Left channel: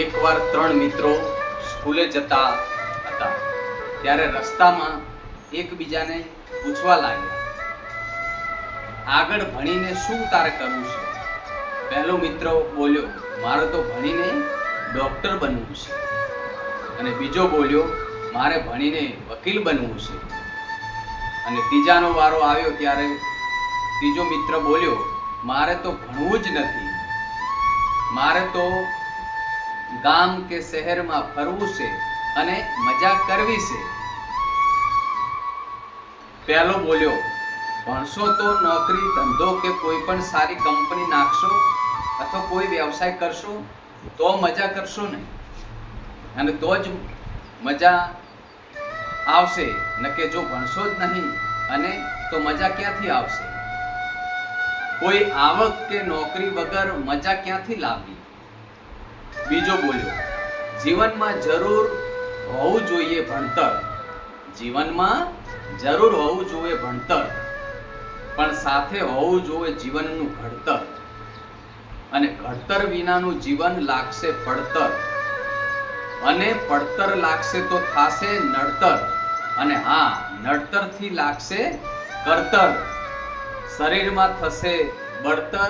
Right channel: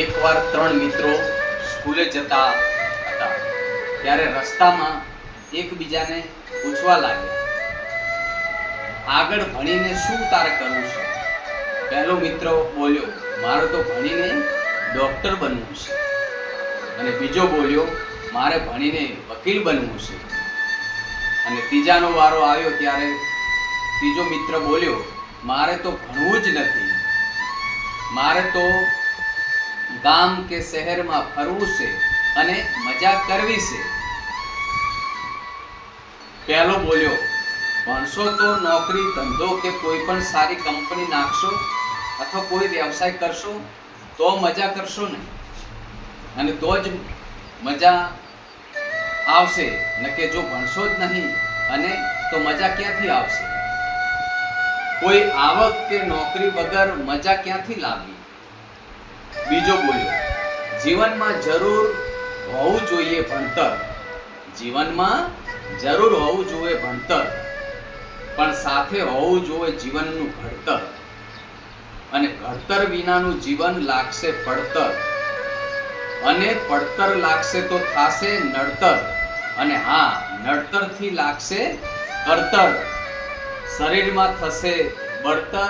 એકવાર ત્રણ મિત્રો સ્કૂલે જતા હતા ત્યારે રસ્તામાં એકબીજાને પૂછવા લાગ્યા, આગળ ભણીને શું તારે કરવું છે? પહેલો મિત્ર બોલ્યો, મારે તો ભણીને ડોક્ટર બનવું છે. અને બીજો બોલ્યો, મારે ભણીને વકીલ બનવું છે. અને ત્રીજાનો વારો આવ્યો ત્યારે ત્રીજો મિત્ર બોલ્યો, મારે તો ભણવું જ નથી, મારે તો ગામ કે શહેરમાં ફરવું છે અને મજા કરવી છે. પહેલો બોલ્યો, ભણશો તો નોકરી ધંધો કે કોઈ પણ સારી કંપની નાખશો અથવા કોઈ વ્યવસાય કરશો તો મજા કરશો ને, અને તો જ મજા આવશે. નકે જો ભણશો જ નહીં અને તો મજા ક્યાંથી આવશે? કોઈ આવક કે નોકરી વગર મજા ક્યાંથી લાવવી? બીજો બોલ્યો, જીવનમાં જરૂર હોવું જોઈએ ભણતર, જીવનમાં જરૂર હોવું જોઈએ ભણતર, પણ સાથે હોવું જોઈએ જીવનનું ઘડતર. અને ઘડતર વિનાનું જીવન લાગશે પડતર, અને પડતર લાગશે તો થાશે નડતર, અને હા, નડતરથી લાગશે કરતર. શરીરમાં થશે બળતર,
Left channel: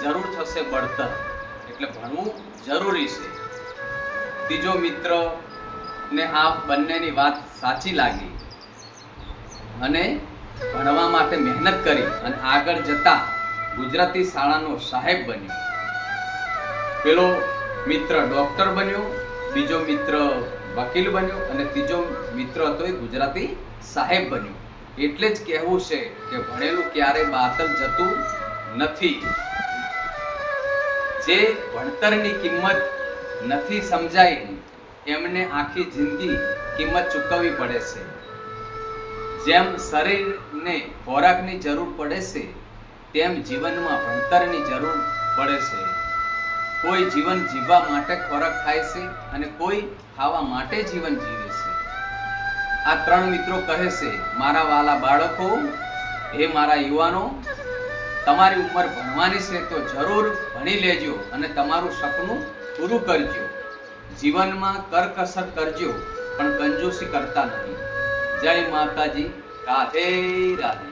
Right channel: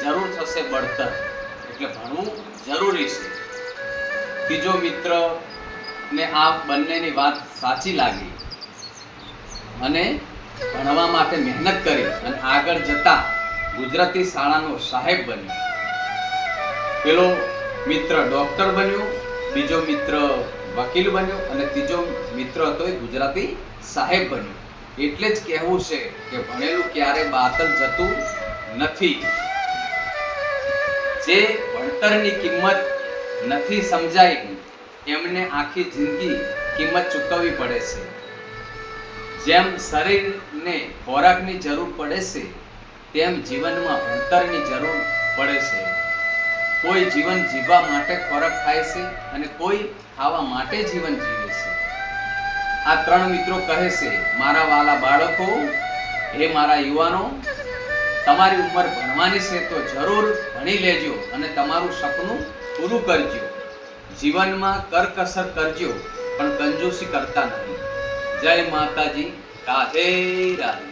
જરૂર થશે બળતર. એટલે ભણવું જરૂરી છે. ત્રીજો મિત્ર ને આ બંનેની વાત સાચી લાગી અને ભણવા માટે મહેનત કરી અને આગળ જતા ગુજરાતી શાળાનો સાહેબ બન્યો. પેલો મિત્ર ડોક્ટર બન્યો, બીજો મિત્ર વકીલ બન્યો અને ત્રીજો મિત્ર હતો એ ગુજરાતી સાહેબ બન્યો. એટલે જ કહેવું છે કે ભણેલું ક્યારે બાતલ જતું નથી. જે ભણતરની કિંમત નથી સમજાઈ એમને આખી જિંદગી કિંમત ચૂકવવી પડે છે. જેમ શરીરને ખોરાકની જરૂર પડે છે તેમ જીવનમાં ભણતરની જરૂર પડે છે. કોઈ જીવન જીવવા માટે ખોરાક ખાય છે અને કોઈ ખાવા માટે જીવન જીવે છે. આ ત્રણ મિત્રો કહે છે, મારા વાલા બાળકો, હે મારા યુવાનો, તમારી ઉંમર ભણવાની છે તો જરૂર ભણી લેજો અને તમારું સપનું પૂરું કરજો. જીવનમાં કરકસર કરજો પણ કંજૂસી કરતા નહીં. જય માતાજી. રાધે રાધે.